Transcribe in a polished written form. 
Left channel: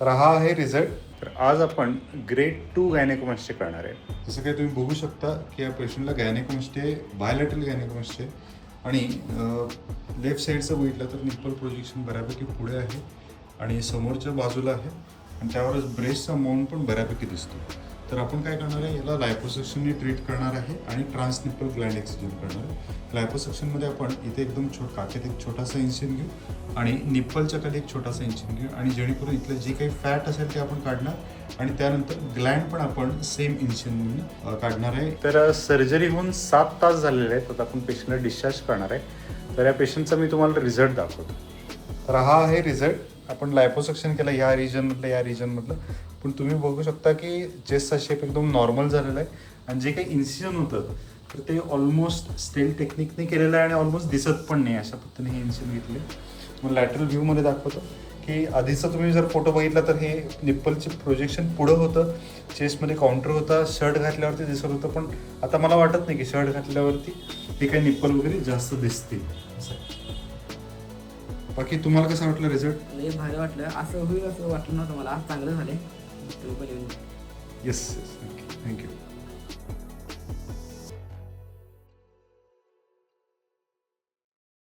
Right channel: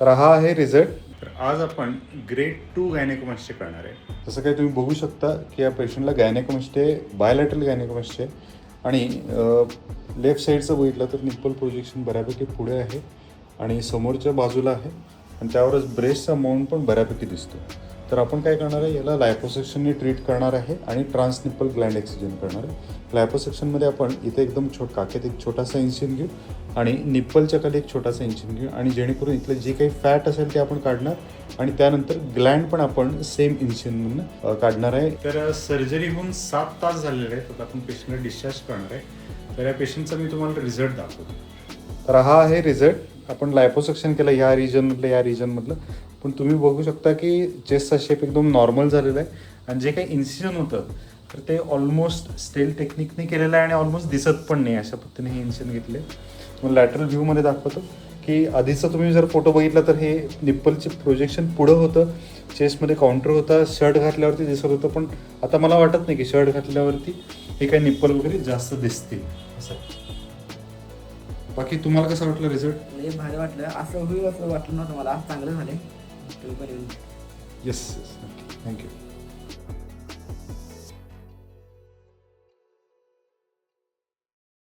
तर हा आहे रिझल्ट. तर आज आपण ग्रेड 2 गायनेकोमॅस्टिया करणार आहे. जसं काही तुम्ही बघू शकता की या पेशंटला गायनेकोमॅस्टिया आहे, बायोलॅटरल गायनेकोमॅस्टिया आहे आणि लेफ्ट साईडचं बघितलं तर निप्पल प्रोजेक्शन बऱ्यापैकी पुढे आहे आणि समोरच्या बाजूला आहे आणि त्यावरच ब्रेस्टचा माउंट पण बऱ्यापैकी दिसतो. तर आपण काय करणार आहे, याला लायपोसक्शनने ट्रीट करणार आहे आणि ट्रान्सनिप्पल ग्लँड एक्सिजन करणार आहे. लायपोसक्शनमध्ये आपण इथे एकदम काखेत एक छोटासा इन्सिजन घेऊ आणि निप्पलच्या कडे एक छोटासा इन्सिजन घेऊ आणि जेणेकरून इथलं जे काही फॅट असेल ते आपण काढणार आणि त्यानंतर ग्लँड पण आपण सेम इन्सिजन काढणार आहे. तर सर्जरी होऊन 7 तास झालेले आहेत. आता आपण पेशंटला डिस्चार्ज करणार आहे. तर या पेशंटचा मी तुम्हाला रिझल्ट दाखवतो. तर हा आहे रिझल्ट. आपण लायपोसक्शन केलं या रिजनमधलं पण तुम्ही बघू शकता की चेस्टचा शेप एकदम नॉर्मल झालेला आहे आणि जे काही इन्सिजन होतं तर ते ऑलमोस्ट स्टेल टेक्निकने केलेलं आहे आणि ऑलमोस्ट दिसत पण नाही. अशा पद्धतीने हे इन्सिजन घेतले. मग लॅटरल व्ह्यूमध्ये दाखवतो की आधीचं तुम्ही जर फोटो बघितला तर हे निप्पलचे प्रोजेक्शन पुढं होतं, चेस्टमध्ये काउंटर होता, शर्ट घातल्यावरती दिसत होतं. पण आता मला वाटत नाही की शर्ट घातल्यावरती हे काही निप्पल वगैरे जास्त दिसतील असं. बाकी तुम्हाला कसं वाटलं रिझल्ट? लय भारी वाटलं. असं होईल असं वाटलं नव्हतं मला. चांगलं झालं. तुम्ही पण येऊन येस, थँक्यू.